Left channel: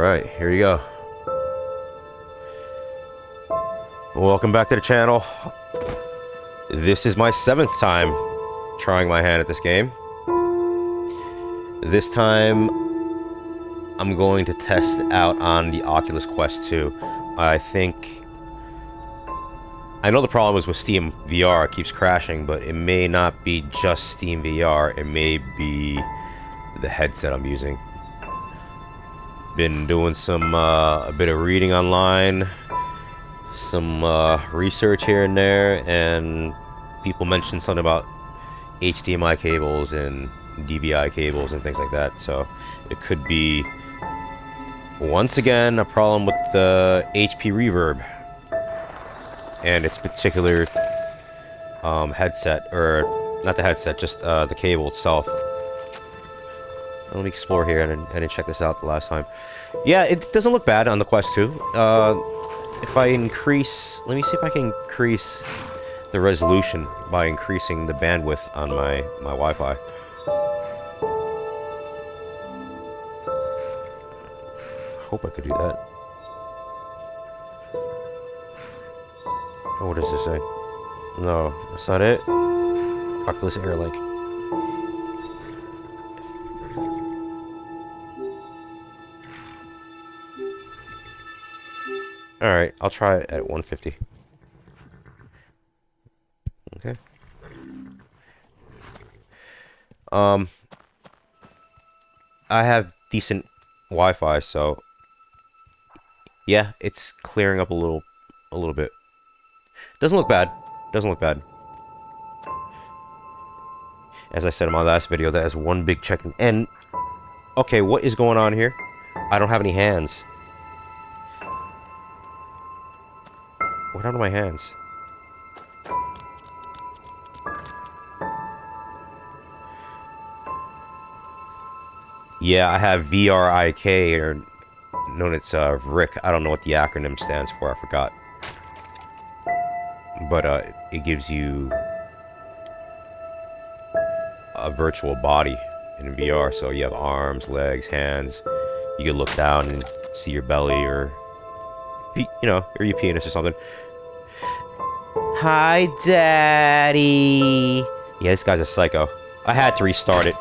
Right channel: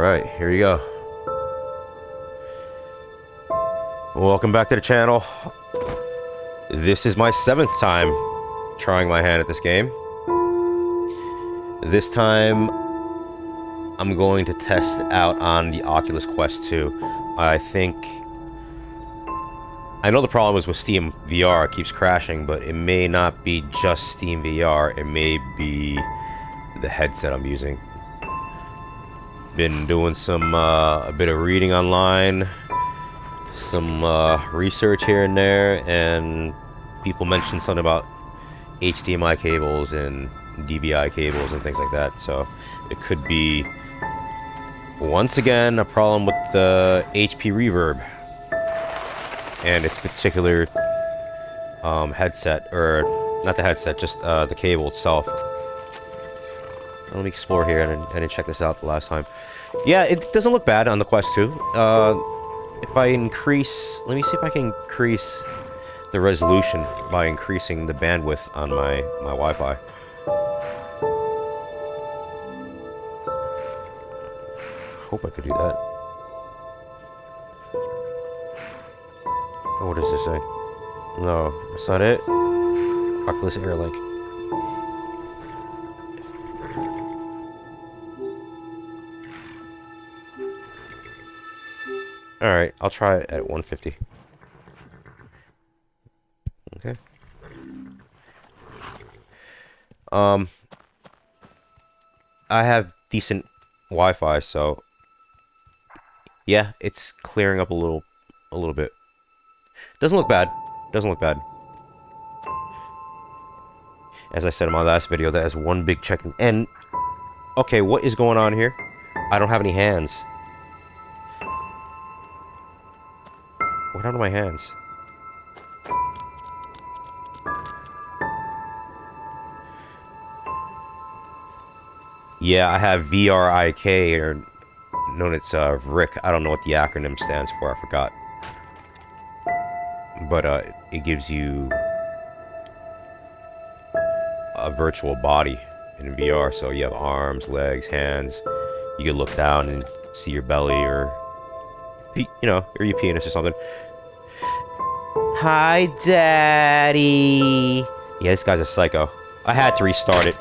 Alright, here you go. Welcome back to the channel. This is my 7th time trying my hand at this game. This time, I'm going to test it out on the Oculus Quest 2. I know the problem is with Steam VR, it keeps crashing, but it may not be just Steam VR, it may be the headset I'm using. Been doing some, a bit of reading online, some research here and there, and people mentioned something about HDMI cables and DVI cables and things like that, so it could be, once again, a problem with the HP Reverb and its particular headset, or not the headset, just the cable itself. Let me explore here. I didn't check this out the last time. Yeah, it doesn't look bad on the Quest 2. If I increase... Let me see if I can increase the resolution by increasing the bandwidth on my Wi-Fi. Hope I could do that. Oh, what does this say? No, that's not it. Oculus Air Link. Alright, I'll try it at 150. Okay. I have decent Wi-Fi, so yeah, it's clearing up a little bit. Doesn't look bad. Doesn't look bad. As I said in my last video, that is one big check. And okay, what is going on here? I don't have any hands. What happened to my hands? Yeah, I have VRIK, or known as RIK. I don't know what the acronym stands for. I forgot. But it gives you a virtual body in VR. So you have arms, legs, hands. You can look down and see your belly, or you know, or your penis or something. Hi, Daddy. Yeah, this guy's a psycho. I had to restart it.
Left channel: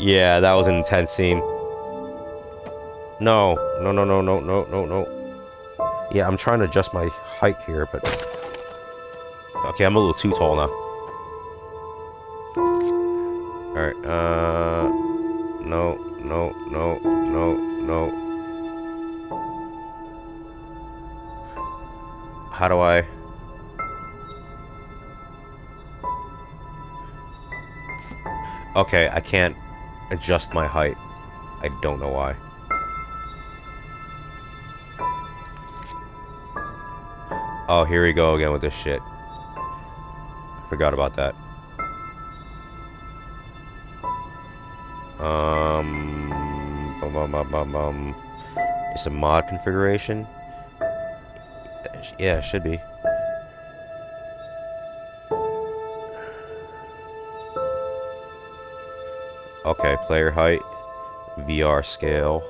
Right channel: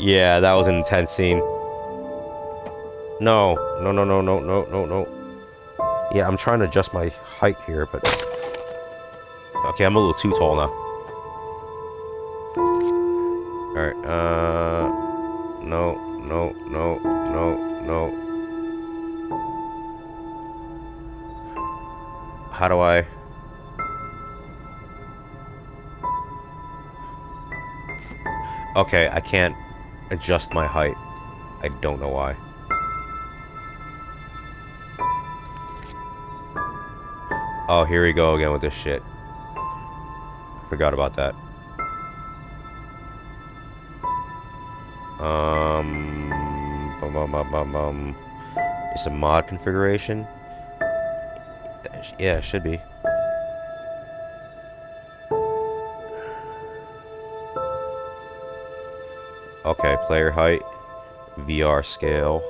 Yeah, that was an intense scene. No. Yeah, I'm trying to adjust my height here, but... Okay, I'm a little too tall now. Alright, no. How do I... Okay, I can't adjust my height. I don't know why. Oh, here we go again with this shit. I forgot about that. It's a mod configuration. Yeah, it should be. Okay, player height, VR scale.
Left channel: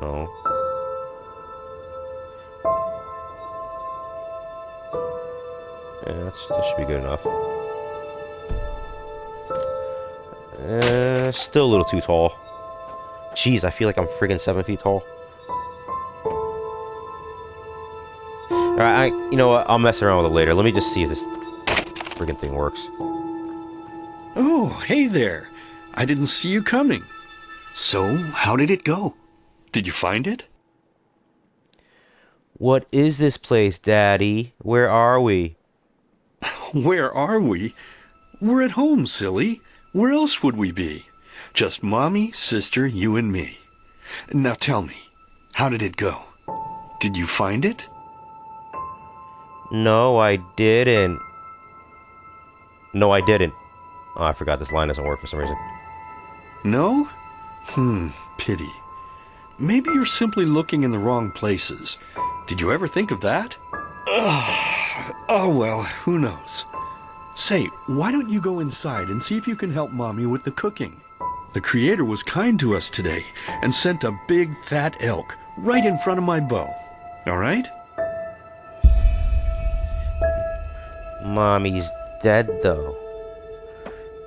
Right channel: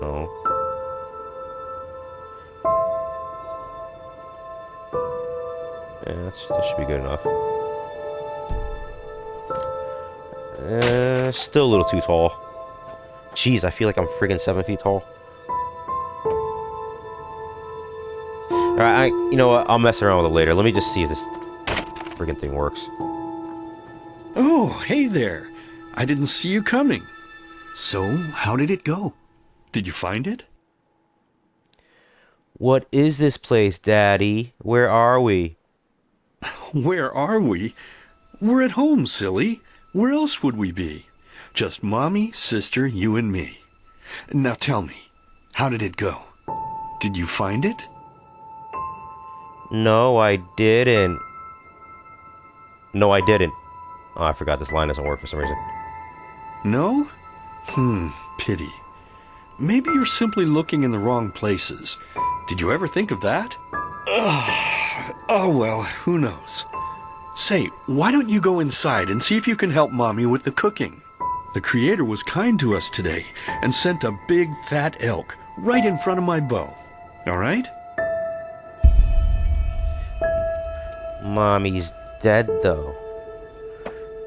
No. Yeah, that should be good enough. Still a little too tall. Jeez, I feel like I'm friggin' 7 feet tall. Alright, you know what? I'll mess around with it later. Let me just see if this friggin' thing works. Oh, hey there. I didn't see you coming. So, how did it go? Did you find it? What is this place, Daddy? Where are we? Where are we? We're at home, silly. Where else would we be? Just Mommy, sister, you and me. Now tell me, how did it go? Did you find it? No, I didn't. No, I didn't. Oh, I forgot this line doesn't work for some reason. No? Pity. Maybe you're simply looking in the wrong places. Did you ever think of that? Oh well, who knows? Say, why don't you go inside and see if you can help Mommy with the cooking? The Creator was kind to us today and sent a big fat elk right in front of my bow. All right? Mommy's dead, though.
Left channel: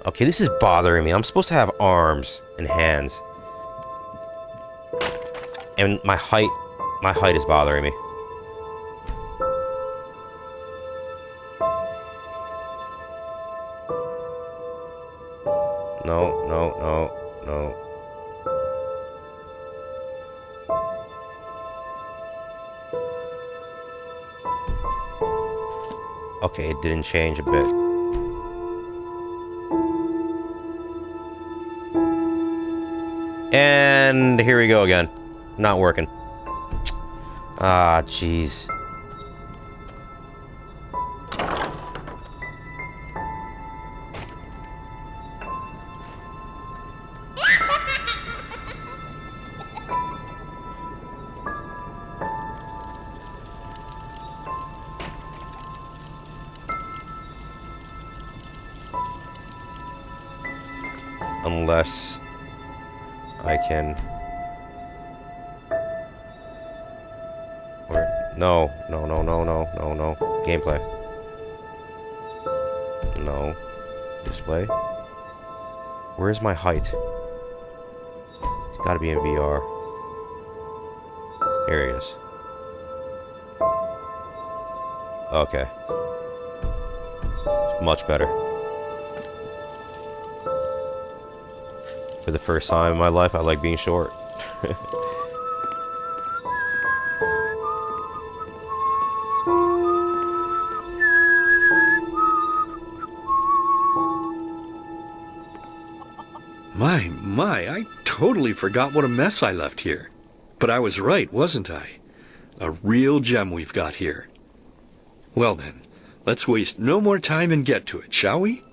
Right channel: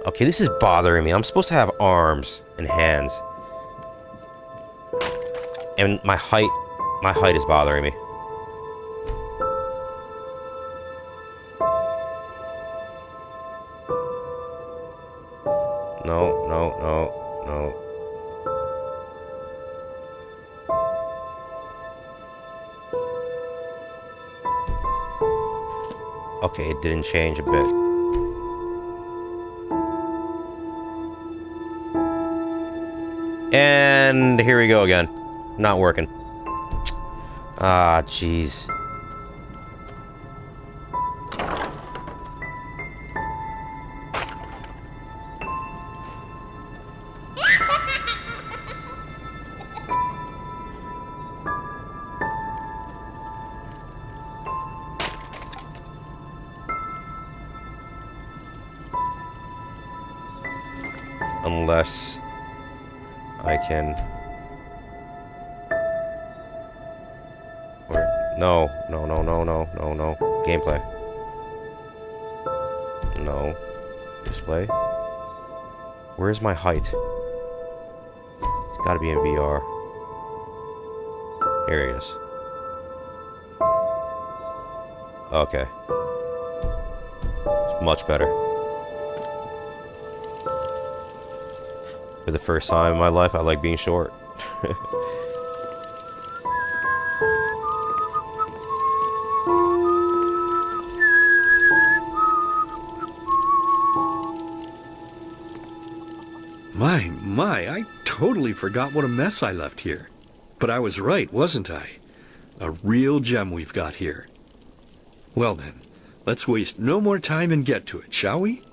Okay, this is bothering me. I'm supposed to have arms and hands. And my height is bothering me. No, no, no, no. Okay, it didn't change a bit. And here we go again. Not working. Ah, jeez. Unless I can... Or... No. No, no, no, no, no, no. Gameplay. No. Display. Where's my height? It's gotta be in VR. Here he is. Okay. It's much better. For the first time in my life, I like being short. My, I totally forgot what a mess I left here. But I was right, wasn't I? A real gem we've got here. Well then, let's waste no more time and get to it, shall we?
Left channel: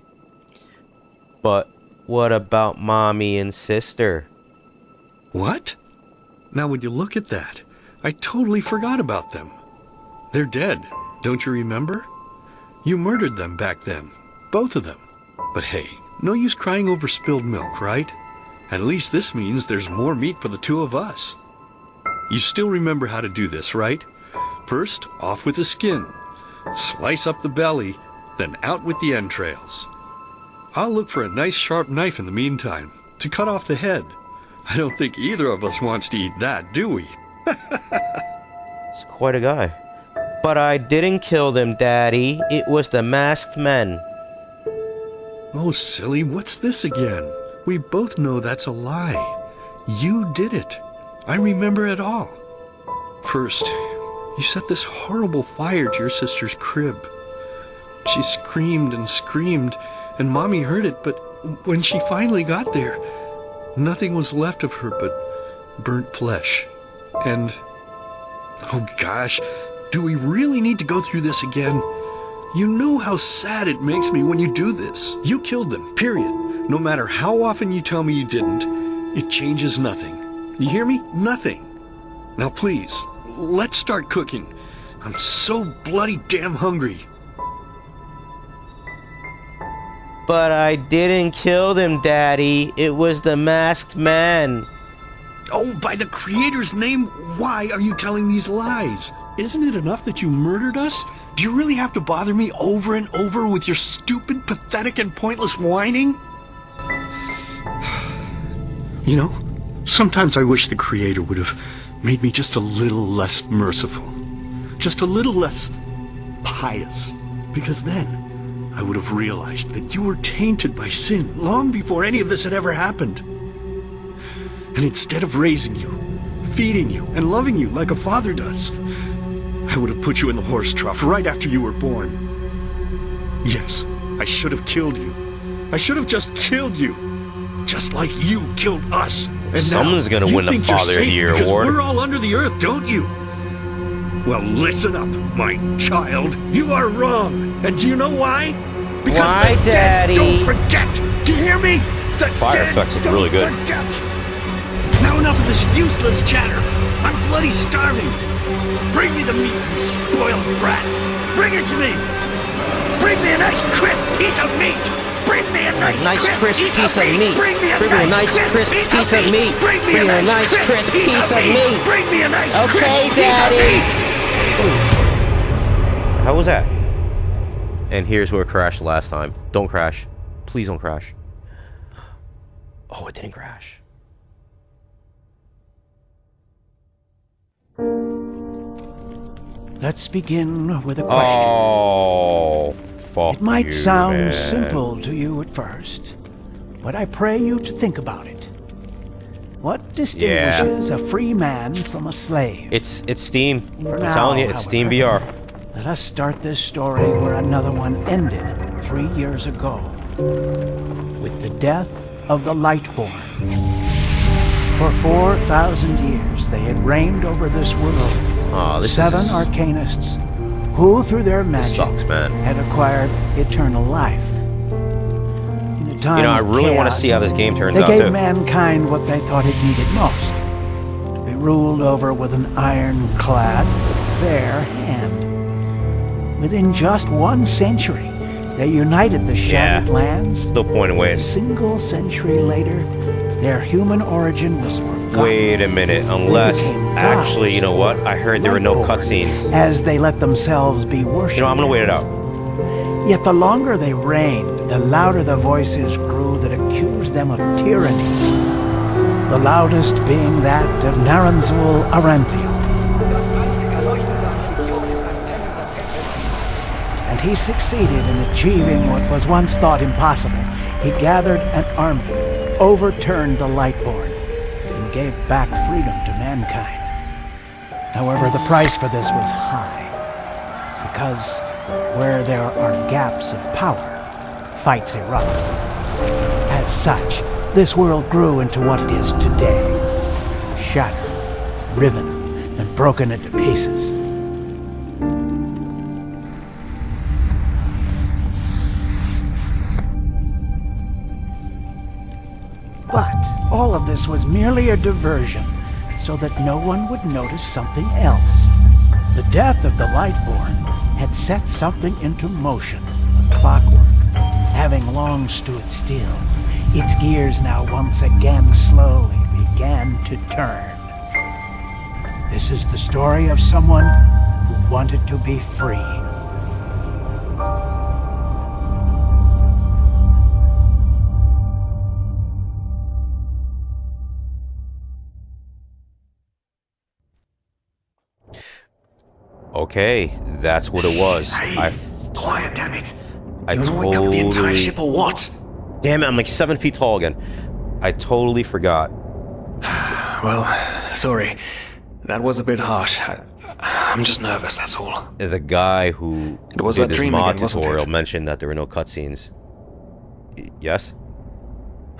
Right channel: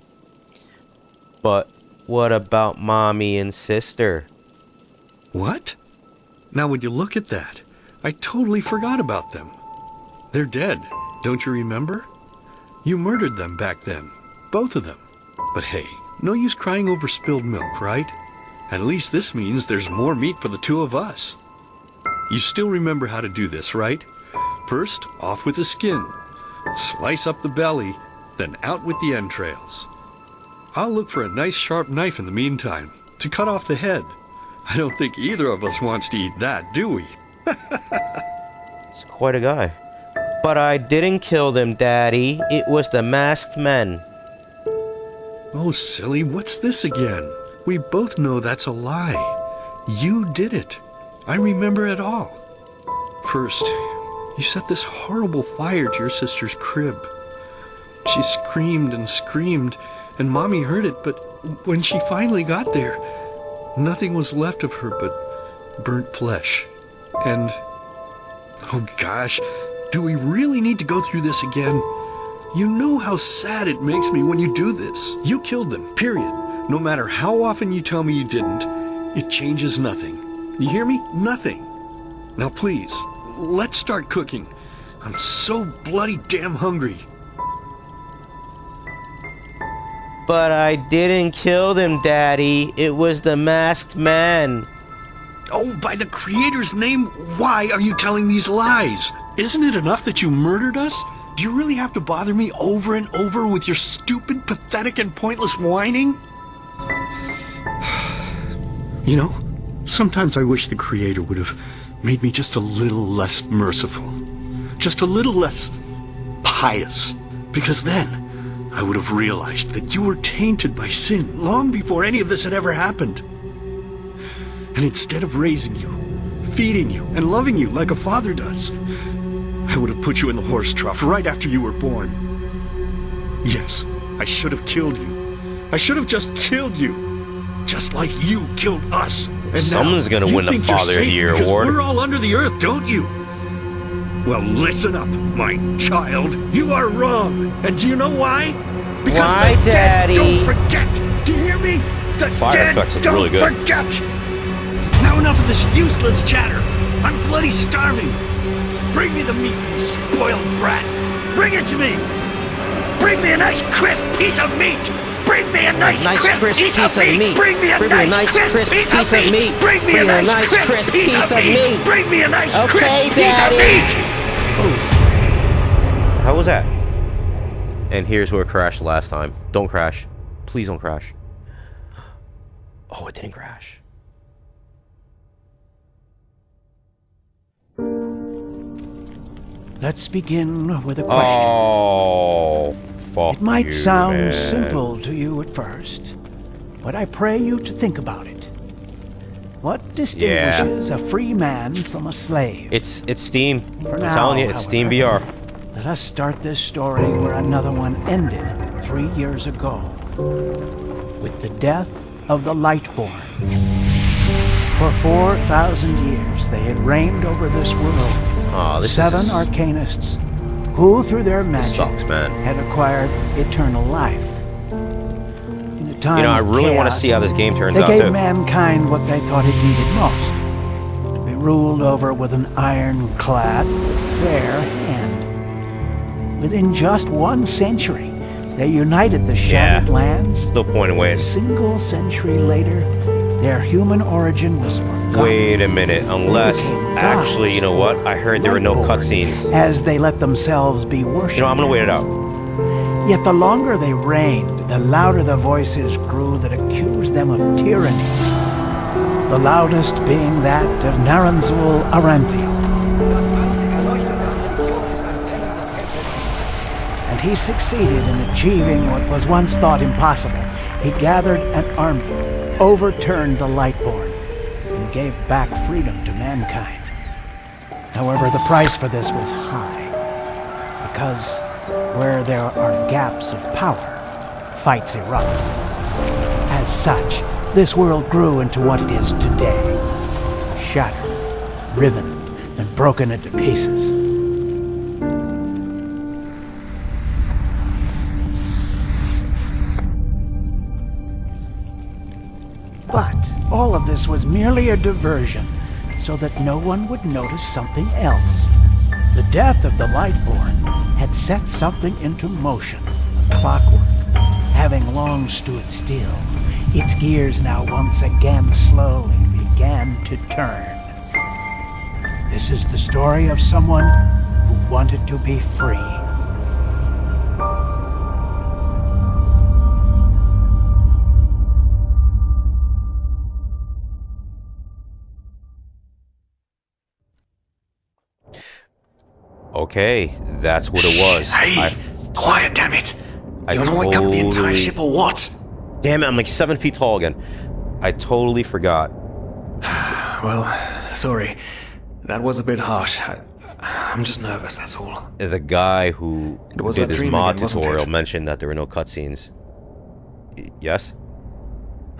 But what about Mommy and Sister? What? Now would you look at that? I totally forgot about them. They're dead, don't you remember? You murdered them back then, both of them. But hey, no use crying over spilled milk, right? At least this means there's more meat for the two of us. You still remember how to do this, right? First, off with the skin. Slice up the belly, then out with the entrails. I'll look for a nice sharp knife in the meantime, to cut off the head. I don't think either of us wants to eat that, do we? It's quite a guy. But I didn't kill them, Daddy. It was the masked men. Oh, silly, what's this again? We both know that's a lie. You did it. I remember it all. First, you set this horrible fire to your sister's crib. She screamed and screamed, and Mommy heard it, but when she finally got there, nothing was left of her but burnt flesh. And, oh gosh, do we really need to go through this again? You know how sad it makes me when you do this. You killed them, period. No matter how often you tell me you didn't, it changes nothing. You hear me? Nothing. Now please, let's start cooking. I'm so bloody damn hungry. But I didn't kill them, Daddy. It was the masked men. Oh, by the Creator's name, why are you telling these lies? Isn't it enough that you murdered us? Do you really have to bother me over and over with your stupid, pathetic, and pointless whining? You know, sometimes I wish the Creator would have made me just a little less merciful. Just a little less pious. Because then I would have realized that you were tainted by sin long before any of this had ever happened. And instead of raising you, feeding you, and loving you like a father does, I would have put you in the horse trough right after you were born. Yes, I should have killed you. I should have just killed you. Just like you killed us. And someone's gonna win the Father of the Year award. We're all under the earth, don't you? Well, listen up, my child. You are wrong. And do you know why? Because why, the Daddy? Dead don't forget. Do you hear me? The fire effects look really good. Forget. Now enough of this useless chatter. I'm bloody starving. Bring me the meat, you spoiled brat. Bring it to me. Bring me a nice crisp piece of meat! Bring me a Nice crisp piece of meat. Bring me a nice crisp piece of meat. Bring me a nice crisp piece of meat. Bring me a nice Okay, Daddy. How was that? And here's where it crashed last time. Don't crash. Please don't crash. Oh, it didn't crash. Let's begin with a question. Oh, fuck It might you, sound man. simple to you at first, but I pray you to think about it. What distinguishes a free man from a slave? It's Steam. For I'm now, telling you, it's Steam VR. Let us start this story where another one ended 3 years ago, with the death of the Lightborn. For 4,000 years, they had reigned over this world. Oh, this Seven is... arcanists, who through their magic sucks, man. had acquired eternal life. In a time I of really want to chaos, see how this game turns they out, gave too. mankind what they thought it needed most: to be ruled over with an ironclad, fair hand. Within just 1 century, they united the shattered lands. No point in A waiting. single century later, their human origin was forgotten. Wait a minute, unless... became Actually, you know what? I heard there were no Lightborn, cutscenes. as they let themselves be worshipped. I'm gonna wait it out. Yet the longer they reigned, the louder the voices grew that accused them of tyranny. The loudest being that of Naranzul Aranthiel. And he succeeded in achieving what was once thought impossible. He gathered an army, overturned the Lightborn, and gave back freedom to mankind. However, the price for this was high, because where there are gaps of power, fights erupt. As such, this world grew into what it is today, shattered, riven, and broken into pieces. But all of this was merely a diversion, so that no one would notice something else. The death of the Lightborn had set something into motion, a clockwork, having long stood still. Its gears now once again slowly began to turn. This is the story of someone who wanted to be free. Okay, that's what it was. Hey, quiet, damn it! I You wanna wake up the entire totally... ship or what? Damn it, I'm like 7 feet tall again. I totally forgot. Well, sorry. That was a bit harsh. I'm just nervous, that's all. The guy who It was did that this dream mod again, wasn't tutorial it? mentioned that there were no cutscenes. Yes?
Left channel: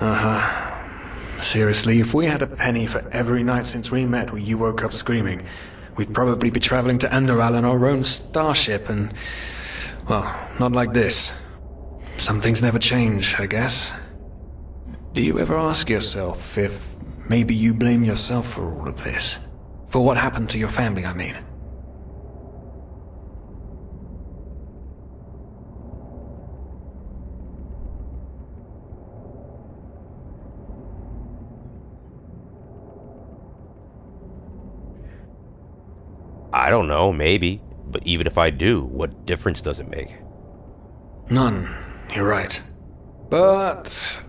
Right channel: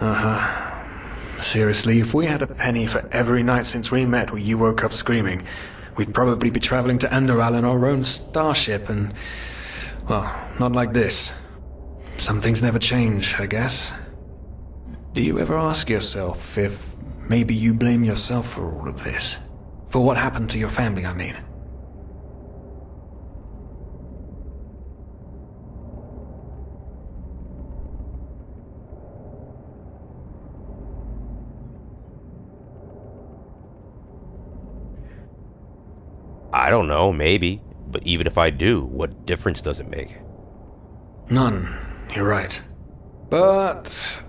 Uh-huh. Seriously, if we had a penny for every night since we met where you woke up screaming, we'd probably be traveling to Enderal in our own starship and... well, not like this. Some things never change, I guess. Do you ever ask yourself if maybe you blame yourself for all of this? For what happened to your family, I mean? I don't know, maybe. But even if I do, what difference does it make? None. You're right. But...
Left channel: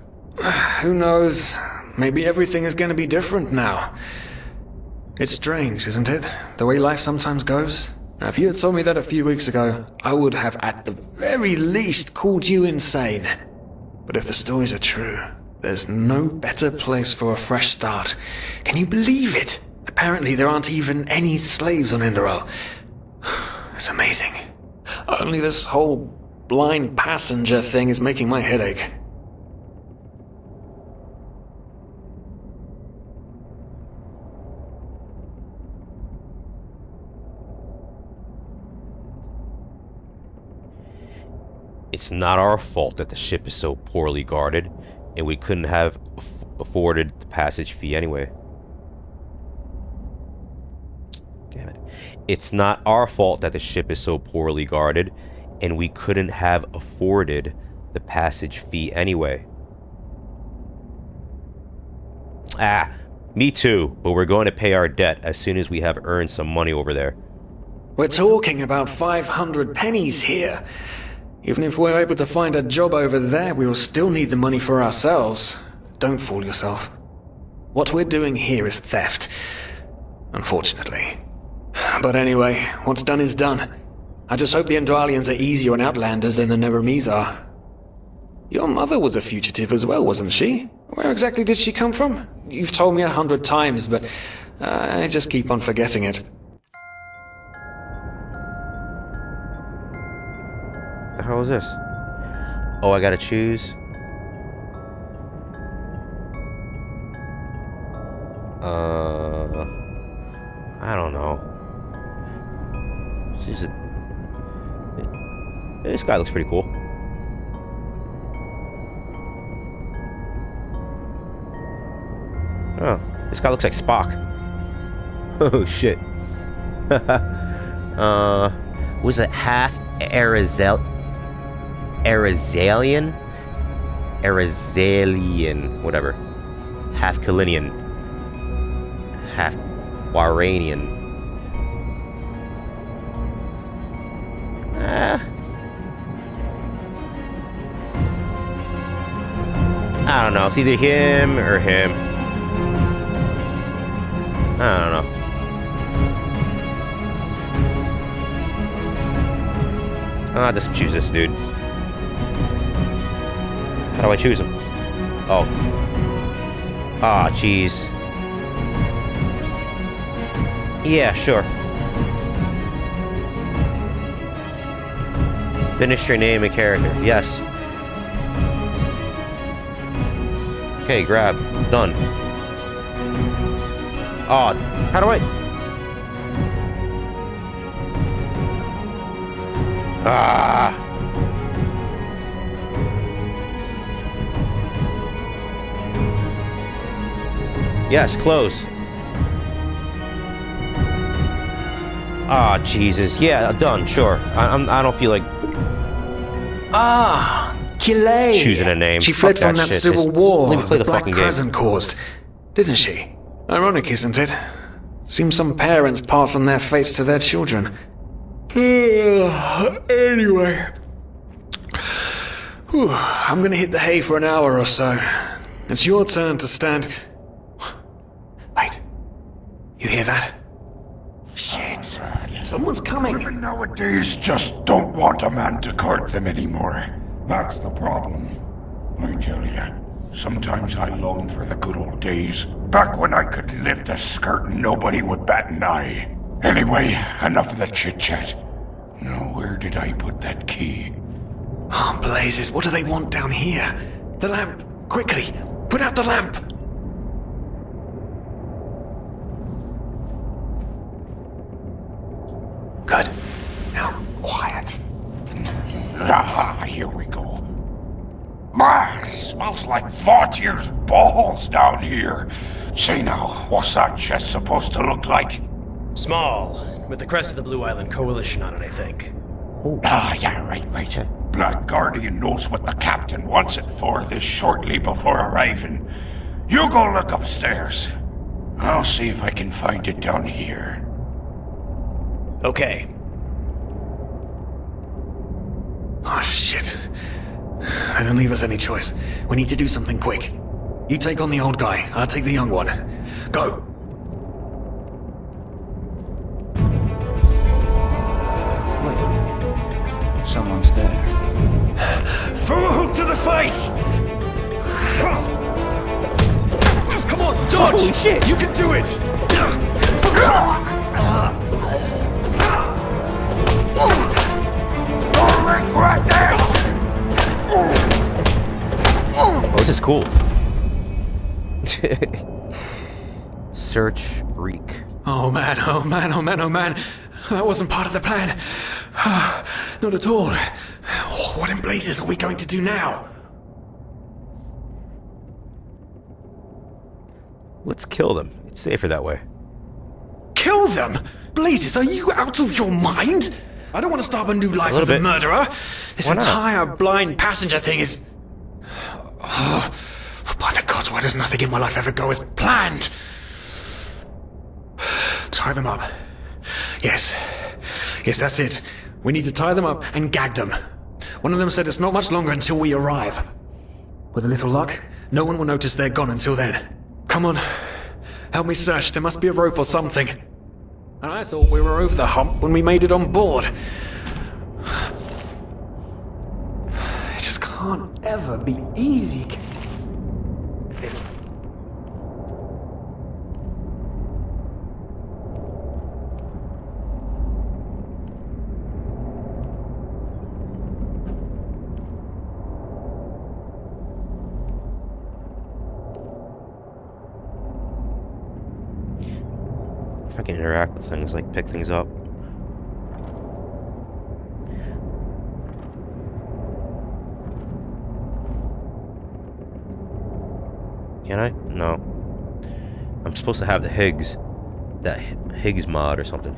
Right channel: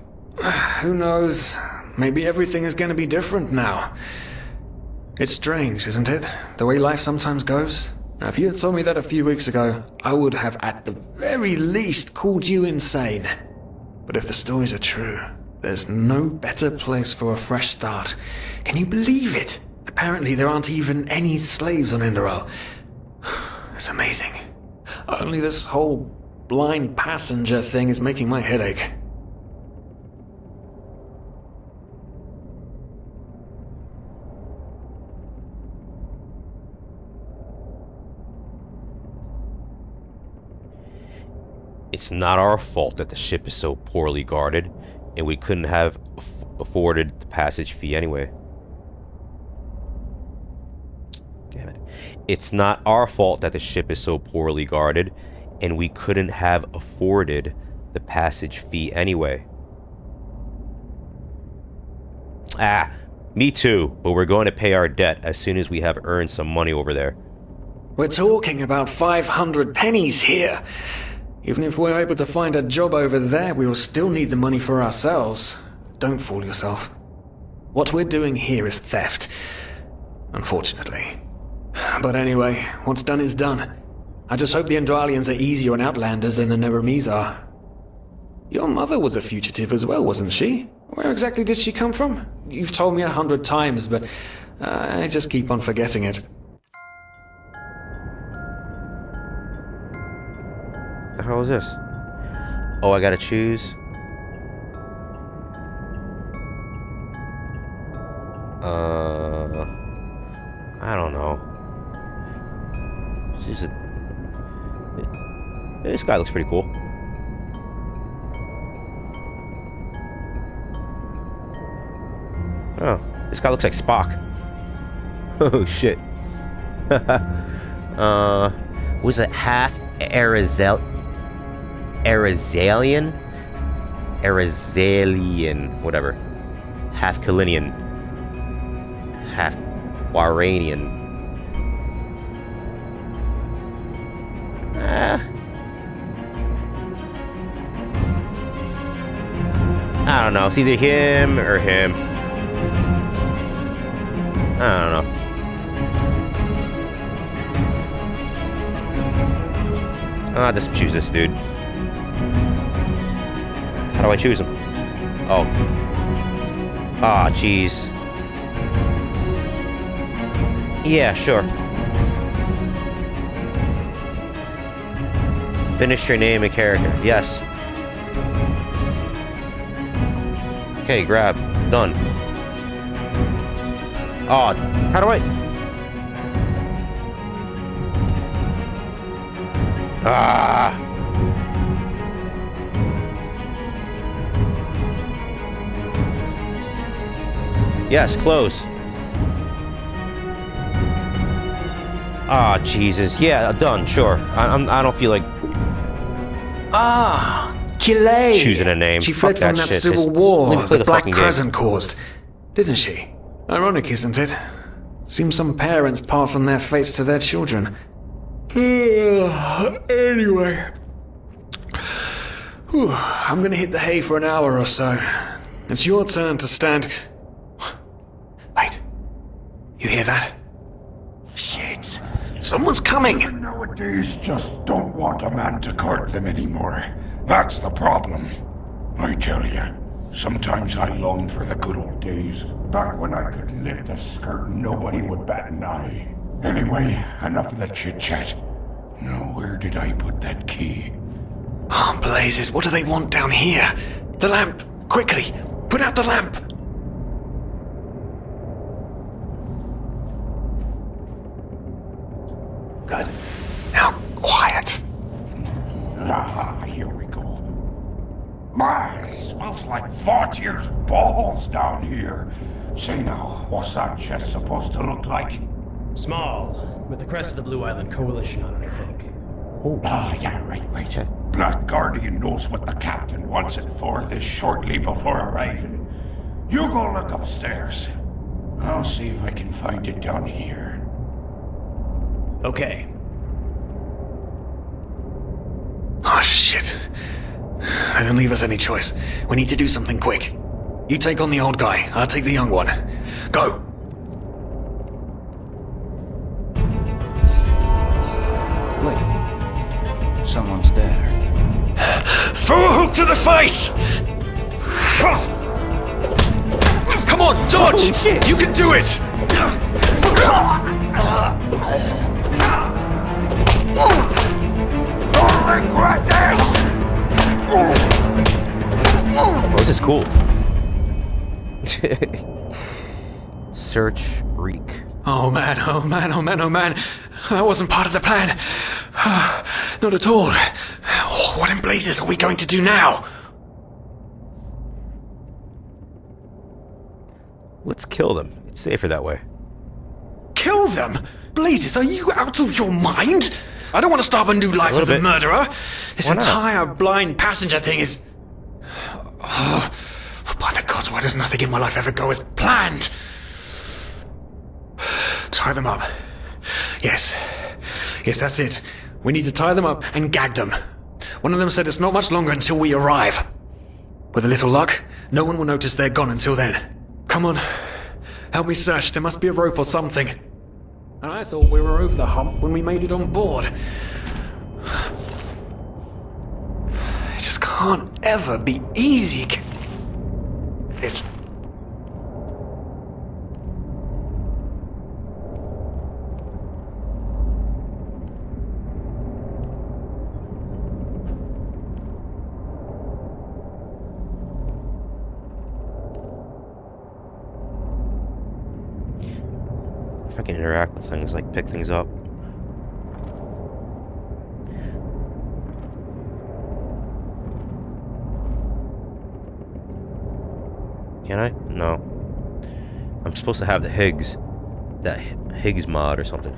who knows? Maybe everything is going to be different now. It's strange, isn't it? The way life sometimes goes. Now, if you had told me that a few weeks ago, I would have at the very least called you insane. But if the stories are true, there's no better place for a fresh start. Can you believe it? Apparently there aren't even any slaves on Enderal. It's amazing. Only this whole blind passenger thing is making my head ache. It's not our fault that the ship is so poorly guarded, and we couldn't have afforded the passage fee anyway. Damn it. It's not our fault that the ship is so poorly guarded, and we couldn't have afforded the passage fee anyway. Ah, me too, but we're going to pay our debt as soon as we have earned some money over there. We're talking about 500 pennies here. Even if we're able to find a job over there, we will still need the money for ourselves. Don't fool yourself. What we're doing here is theft. Unfortunately. But anyway, what's done is done. I just hope the Enderalians are easier on Outlanders than the Neremes are. Your mother was a fugitive as well, wasn't she? Where exactly did she come from? You've told me 100 times, but I just keep on forgetting it. The hell is this? Oh, I gotta choose. I don't know. This guy looks pretty cool. Oh, this guy looks like Spock. Oh shit. Was it half Arizalian, whatever. Half Kalinian. Half Waranian. I don't know. It's either him or him. I don't know. I'll just choose this dude. How do I choose him? Oh. Ah, jeez. Yeah, sure. Finish your name and character. Yes. Okay, grab. Done. Oh, how do I... Ah! Yes, close. Ah, Jesus. Yeah, done. Sure. I don't feel like Kilay. choosing a name. She fled Fuck from that shit. civil Just war let me play the the Black fucking game. Crescent caused, didn't she? Ironic, isn't it? Seems some parents pass on their fates to their children. Anyway. Whew, I'm gonna hit the hay for an hour or so. It's your turn to stand... Wait. You hear that? Shit. Someone's coming. Nowadays just don't want a man to court them anymore. That's the problem. I tell ya, sometimes I long for the good old days, back when I could lift a skirt and nobody would bat an eye. Anyway, enough of the chit-chat. Now, where did I put that key? Oh, blazes, what do they want down here? The lamp! Quickly! Put out the lamp! Good. Now, quiet. Ah, here we go. Ah, it smells like 40 years balls down here. Say now, what's that chest supposed to look like? Small, with the crest of the Blue Island Coalition on it, I think. Ah, yeah, right. Black Guardian knows what the captain wants it for this shortly before arriving. You go look upstairs. I'll see if I can find it down here. Okay. Oh, shit. They don't leave us any choice. We need to do something quick. You take on the old guy, I'll take the young one. Go! Wait. Someone's there. Throw a hook to the face! Come on, dodge! Holy shit! You can do it! Don't regret this! Oh, this is cool. Search reek. Oh man, oh man, oh man, oh man. That wasn't part of the plan. Not at all. What in blazes are we going to do now? Let's kill them. It's safer that way. Kill them? Blazes, are you out of your mind? I don't want to start a new life little as a bit. murderer. This Why not? entire blind passenger thing is... Oh, by the gods, why does nothing in my life ever go as planned? Tie them up. Yes. Yes, that's it. We need to tie them up and gag them. One of them said it's not much longer until we arrive. With a little luck, no one will notice they're gone until then. Come on. Help me search. There must be a rope or something. And I thought we were over the hump when we made it on board. It just can't ever be easy. It's... If I can interact with things, like pick things up. Can I? No. I'm supposed to have the Higgs. That Higgs mod or something.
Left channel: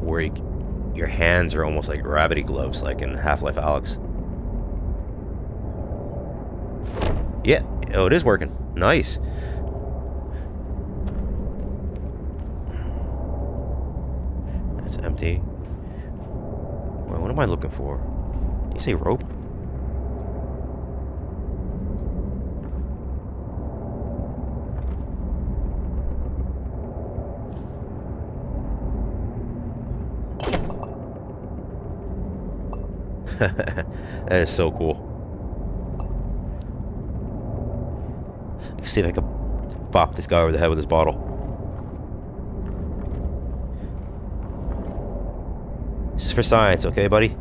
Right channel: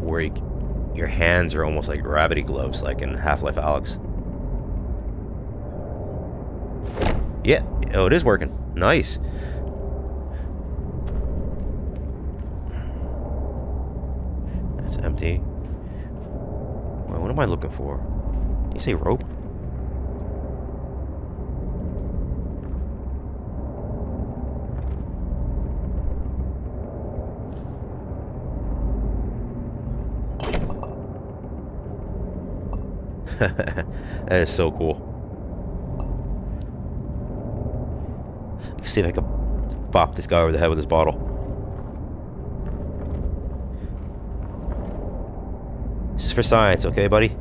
Where your hands are almost like gravity gloves, like in Half-Life Alyx. Yeah. Oh, it is working. Nice. That's empty. Wait, what am I looking for? Did you say rope? That is so cool. Let's see if I can bop this guy over the head with this bottle. This is for science, okay, buddy?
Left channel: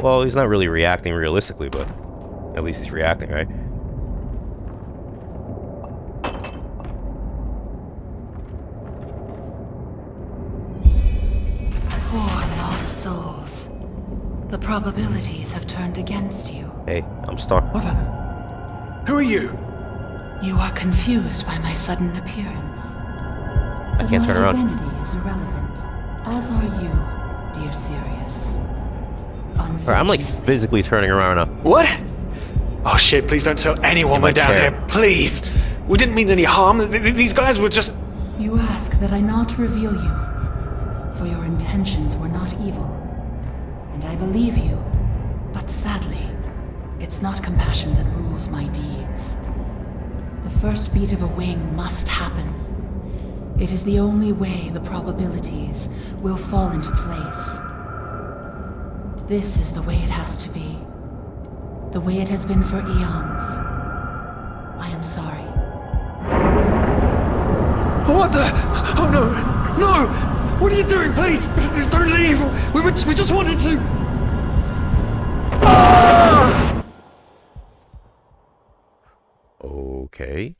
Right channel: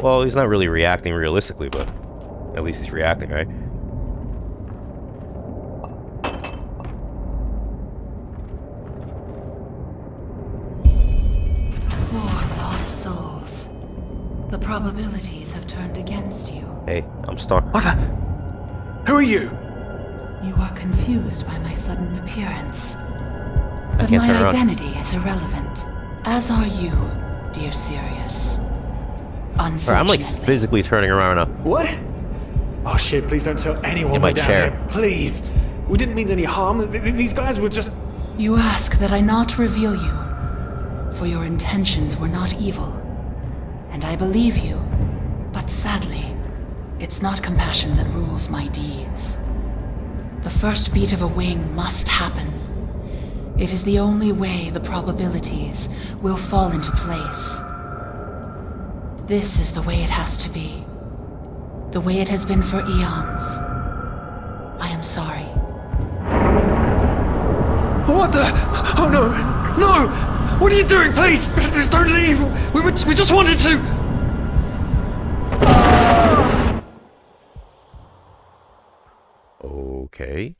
Well, he's not really reacting realistically, but at least he's reacting, right? Poor lost souls. The probabilities have turned against you. Hey, I'm stuck. What the... Who are you? You are confused by my sudden appearance. I can't turn My around. identity is irrelevant, as are you, dear Sirius. Alright, I'm like Unfortunately, physically turning around now. What? Oh shit, please don't tell anyone In my we're down chair. here. Please. We didn't mean any harm. These guys were just... you ask that I not reveal you, for your intentions were not evil. And I believe you, but sadly, it's not compassion that rules my deeds. The first beat of a wing must happen. It is the only way the probabilities will fall into place. This is the way it has to be. The way it has been for eons. I am sorry. What the... Oh no! No! What are you doing? Please! Please don't leave! We just wanted to... Okay.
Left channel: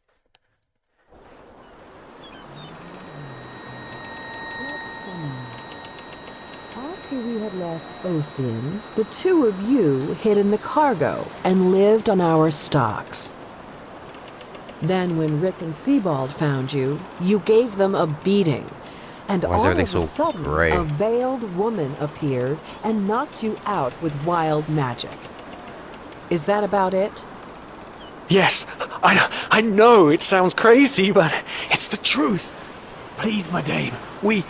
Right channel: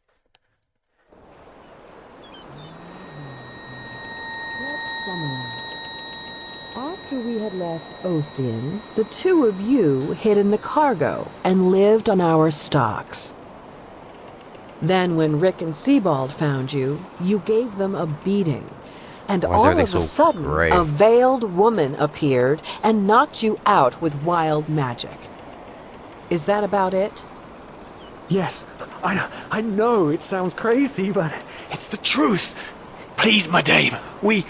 After we had left Ostin, the two of you hid in the cargo and lived on our stocks. Then when Rick and Sebald found you, you gave them a beating. And Why is all everything of a so sudden, gray? a veiled woman appeared and knocked you out with wild magic. Is that about it? Yes, I know it sounds crazy, but it's the truth. Please, my dame, we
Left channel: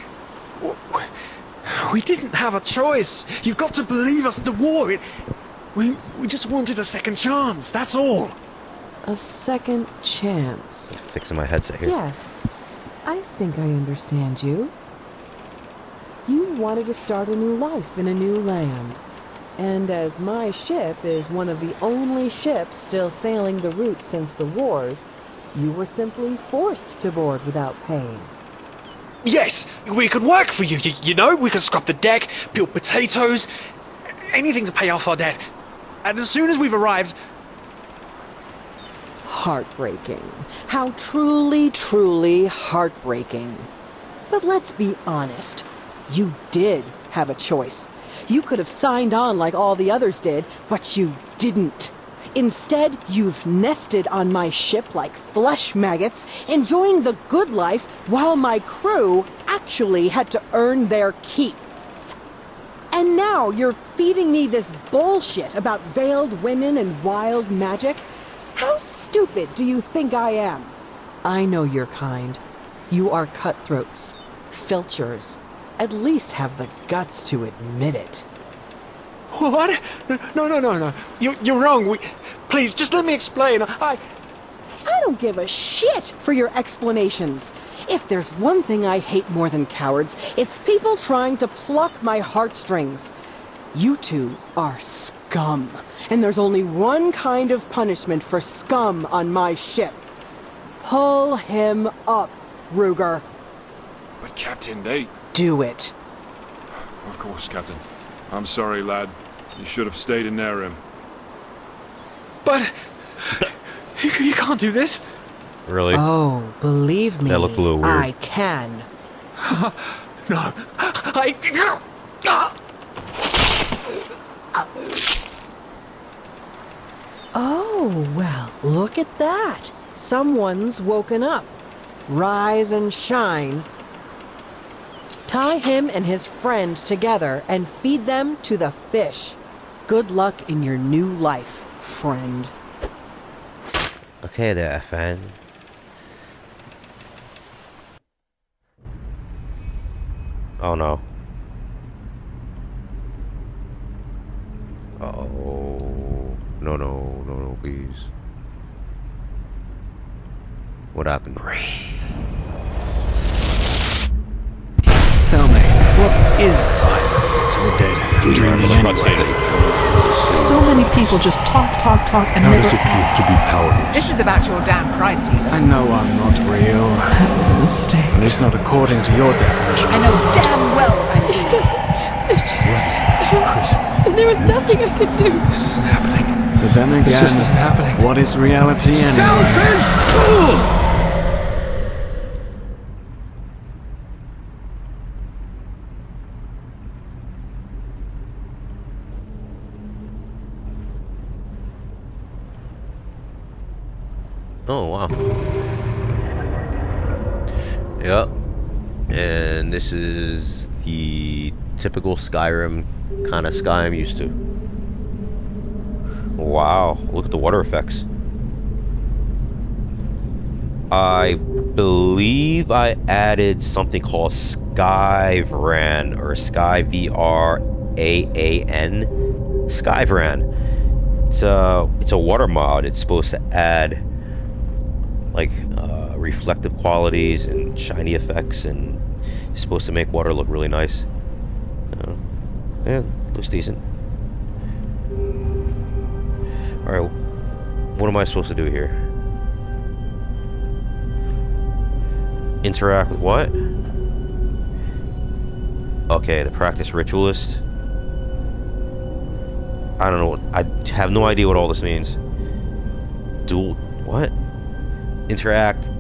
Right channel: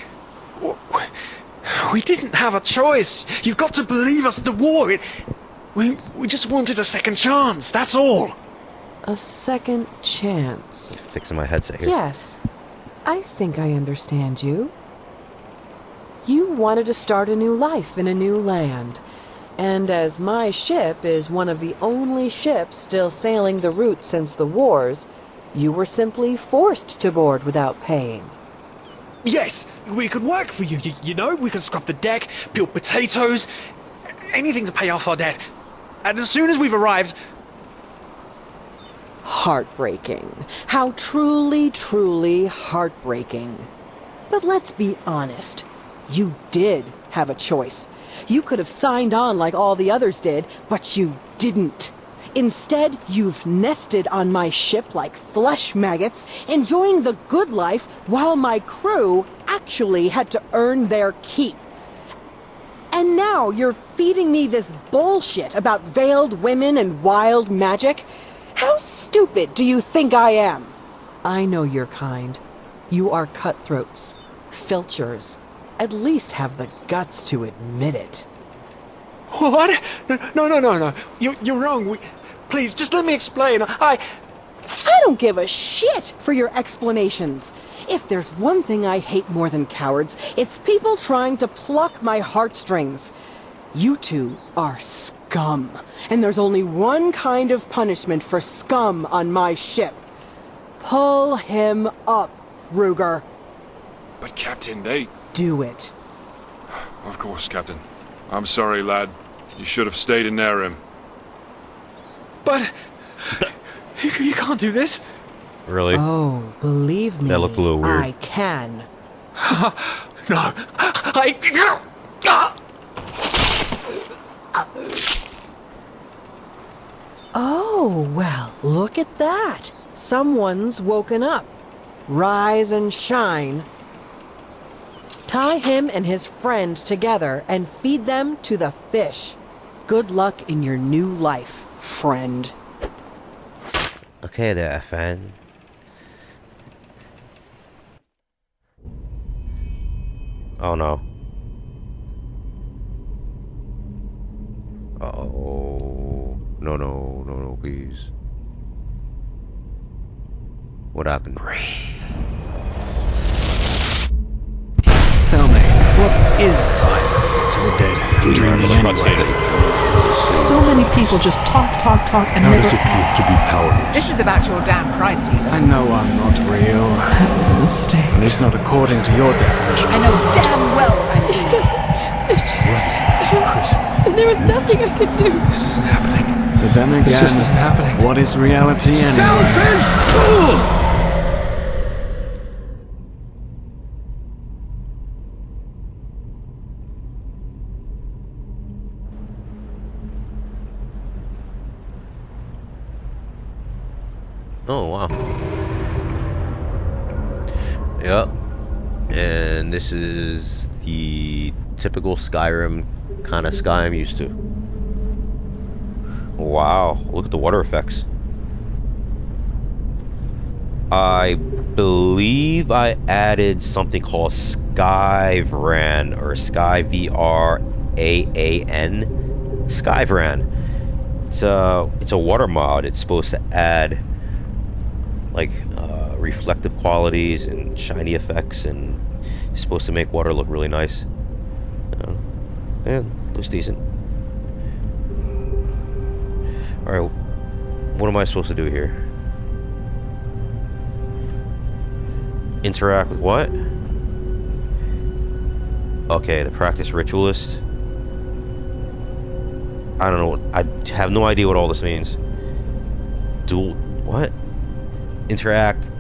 didn't have a choice. You've got to believe us. The war, we just wanted a second chance. That's all. A second chance. Fixing my headset here. Yes, I think I understand you. You wanted to start a new life in a new land. And as my ship is one of the only ships still sailing the route since the wars, you were simply forced to board without paying. Yes, we could work for you. You know, we could scrub the deck, peel potatoes, anything to pay off our debt. And as soon as we've arrived... Heartbreaking. How truly, truly heartbreaking. But let's be honest. You did have a choice. You could have signed on like all the others did, but you didn't. Instead, you've nested on my ship like flesh maggots, enjoying the good life while my crew actually had to earn their keep. And now you're feeding me this bullshit about veiled women and wild magic? How stupid do you think I am? I know your kind. You are cutthroats, filchers. At least have the guts to admit it. What? No. You're wrong. Please, just let me explain. I don't give a shit for your explanations. If there's one thing I hate more than cowards, it's people trying to pluck my heartstrings. You two are scum, and there's only one kind of punishment for scum on my ship. Pull him up, Ruger. But Captain, they... Do it. Of course, Captain. I'm sorry, lad. You should have stayed in there, him. But... You can't do this. Really? Oh, believe me, That looked a little weird. I can. No. Oh, well, look at that. Someone's woken up. Rise and shine. Tie him and his friend together and feed them to the fish. Good luck in your new life, friend. Okay there, friend. Oh no. Uh-oh. No, please. What happened? Tell me, what is time to the dead? Dreaming anyway. So many people just talk, and How never does it feel to be powerless? This is about your damn pride, Tina. I know I'm not real. At least not according to your definition. I know damn well I'm doing. It's just... There was nothing I could do. This isn't happening. But then again, This just isn't happening. what is reality anyway? Selfish fool! Oh, wow. Yep. And this is the typical Skyrim kind of sky I'm used to. Wow, look at the water effects. I believe I added something called Skyvran or SkyVRAAN. Skyvran. It's a water mod. It's supposed to add like reflective qualities and shiny effects, and it's supposed to make water look really nice. Yeah, looks decent. Alright, what am I supposed to do here? Interact with what? Okay, the practice ritualist. I don't know. I have no idea what all this means. Dual... what? Interact...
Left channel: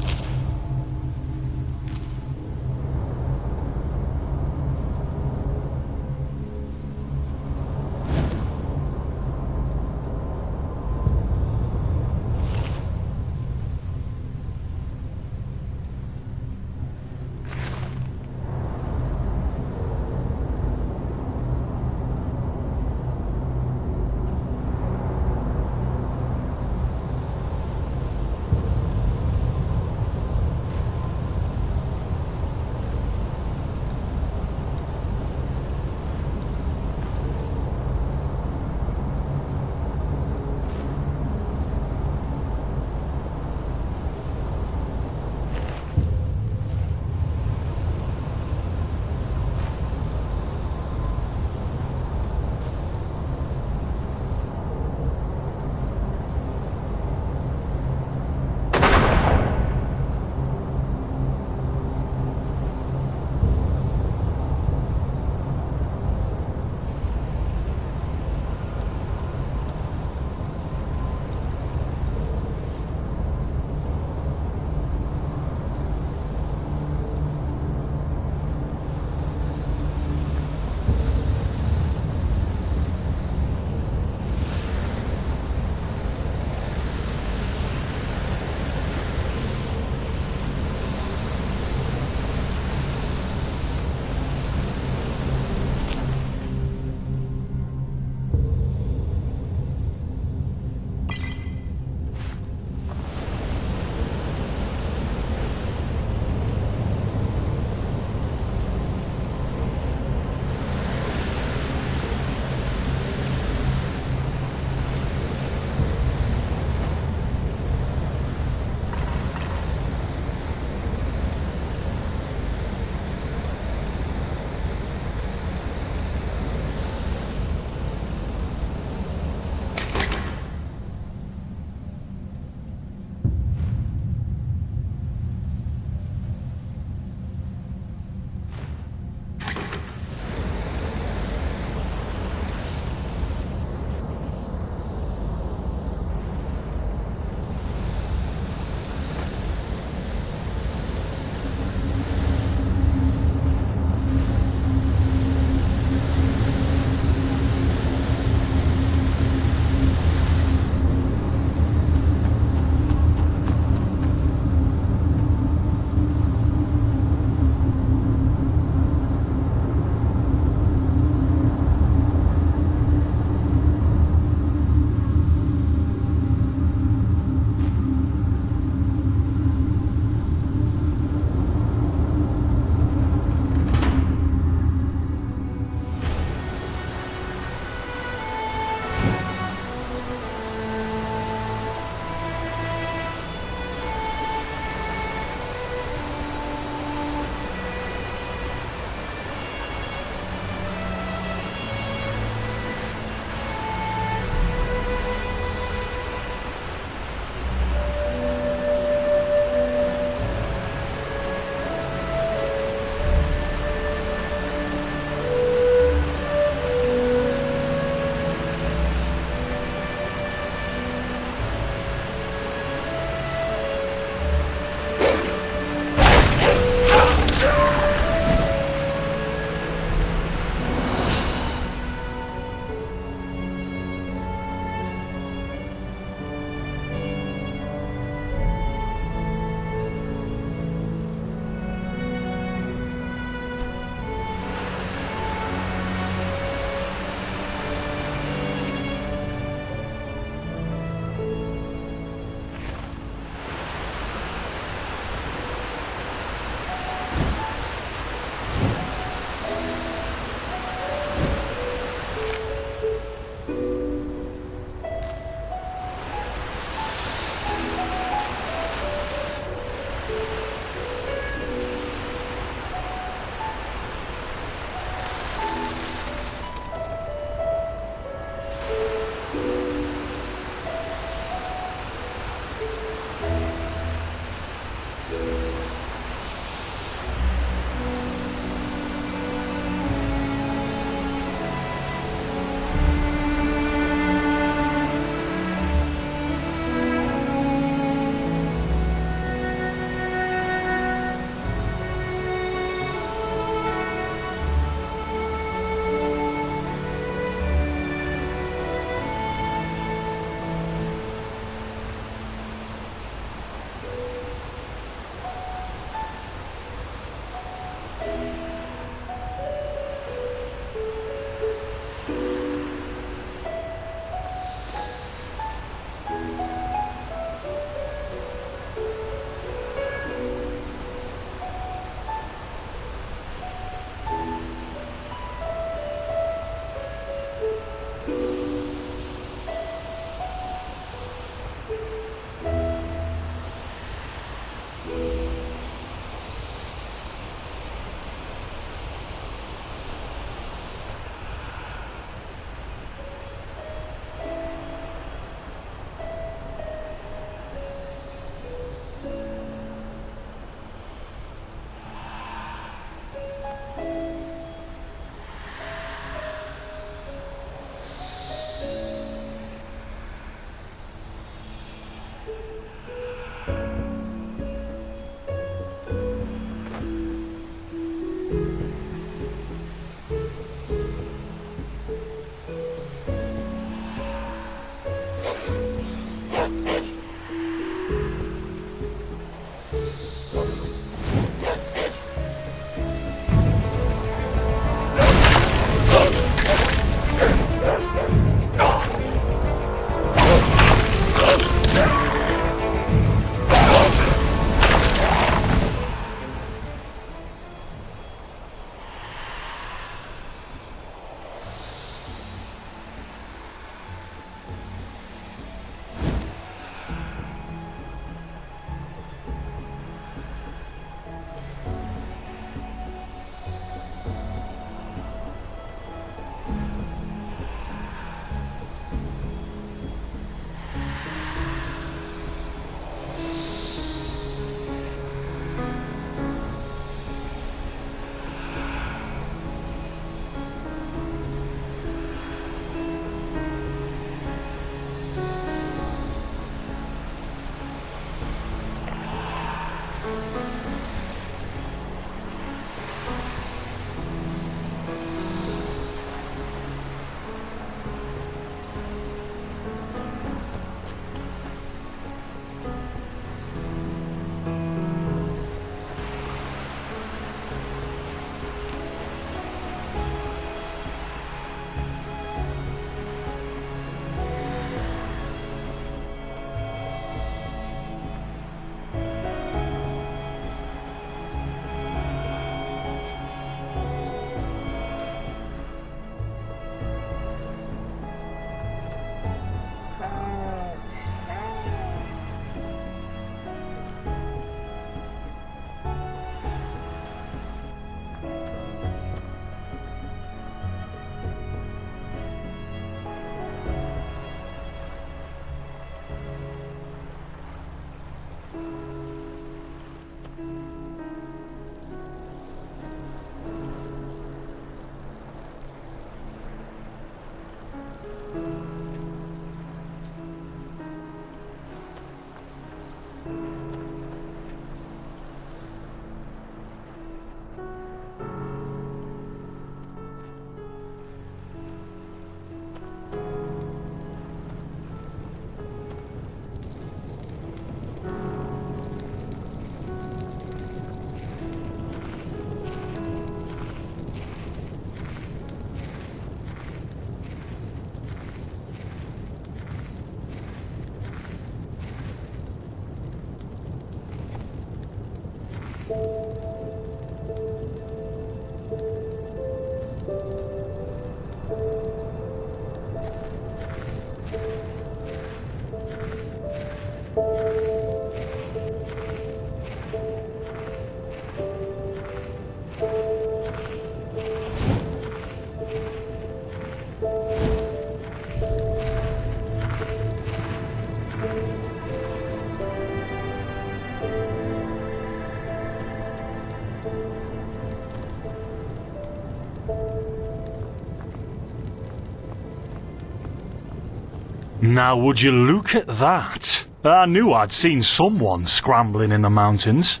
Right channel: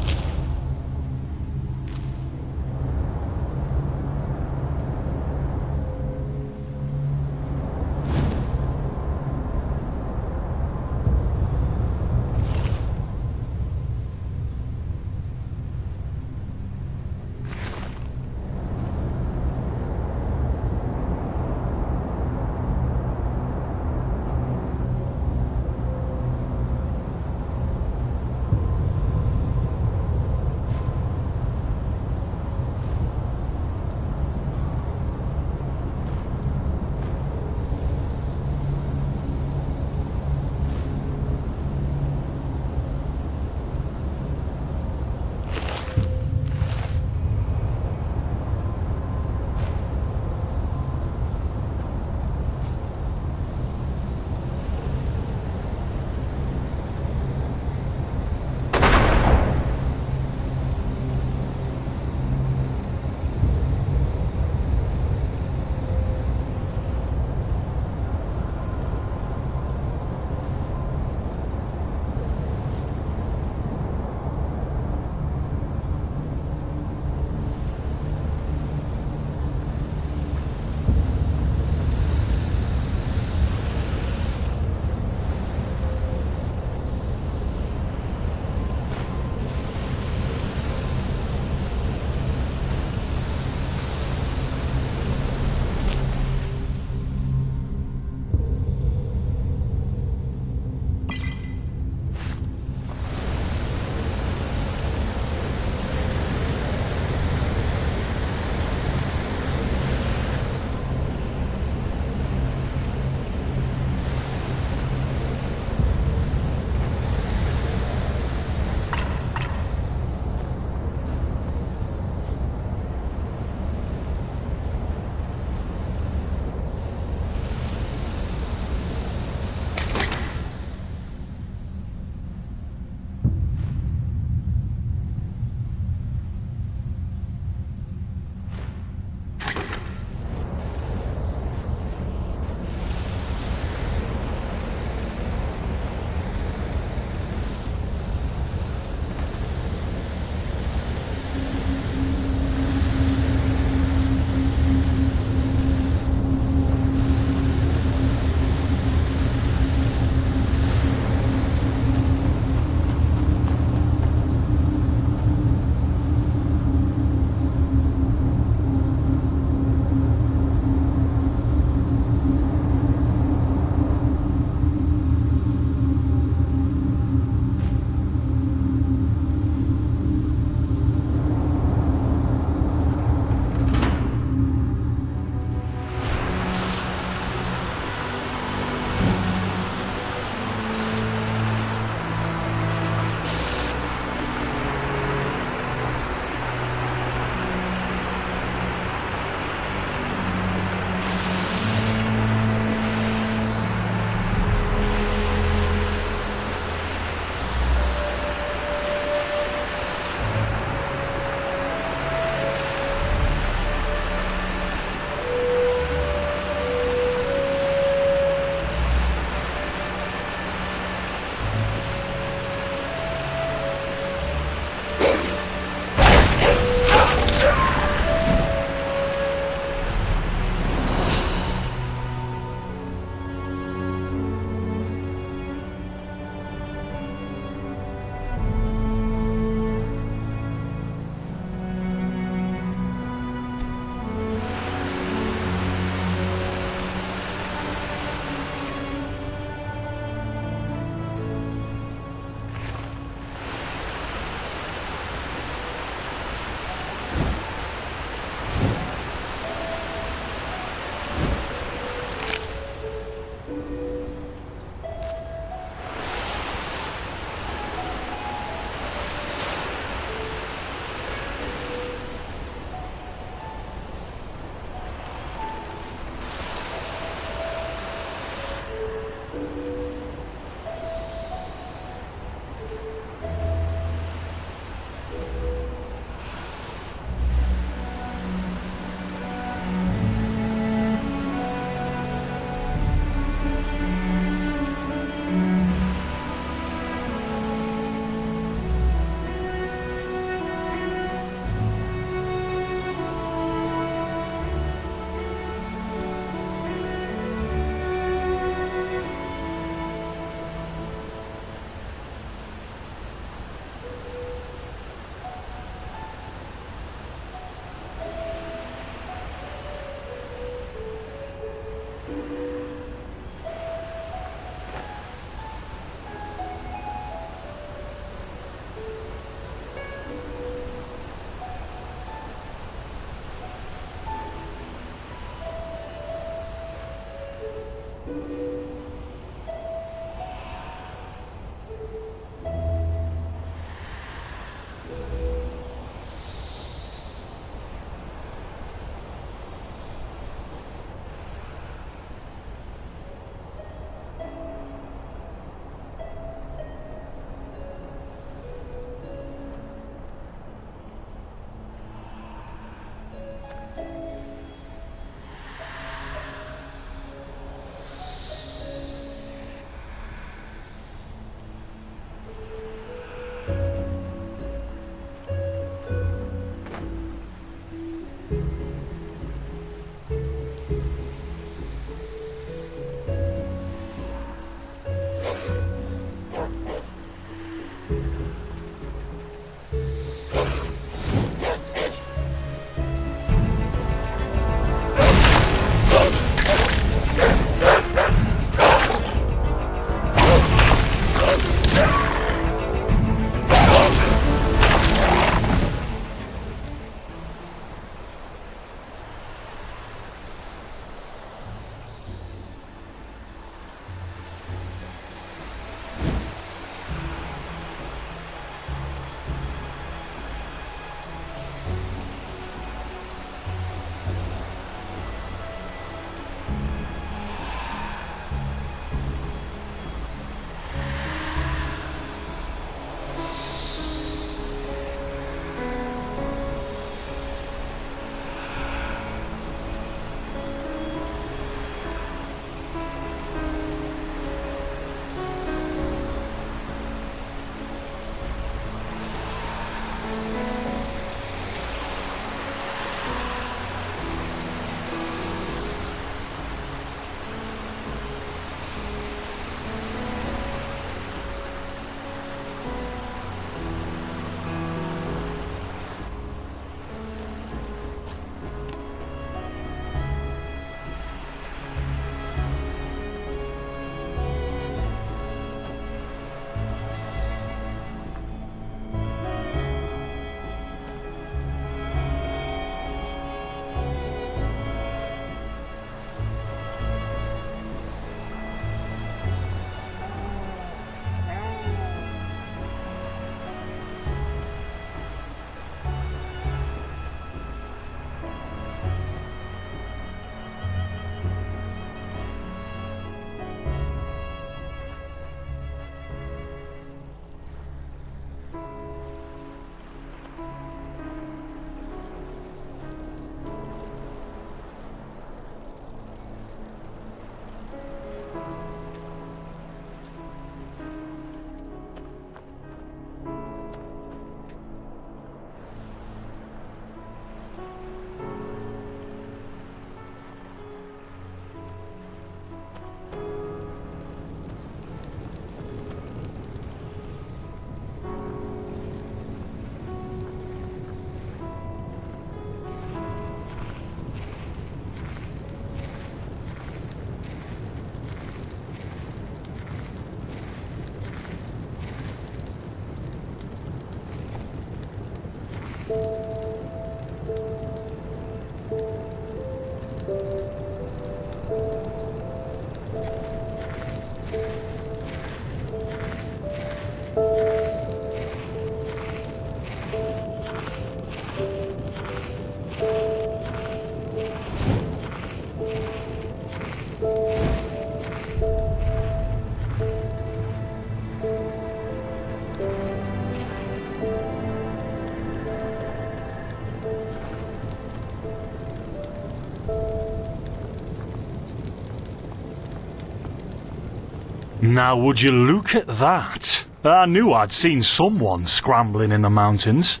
Now would you look at that? I knew I'd seen someone scrambling in the mountains.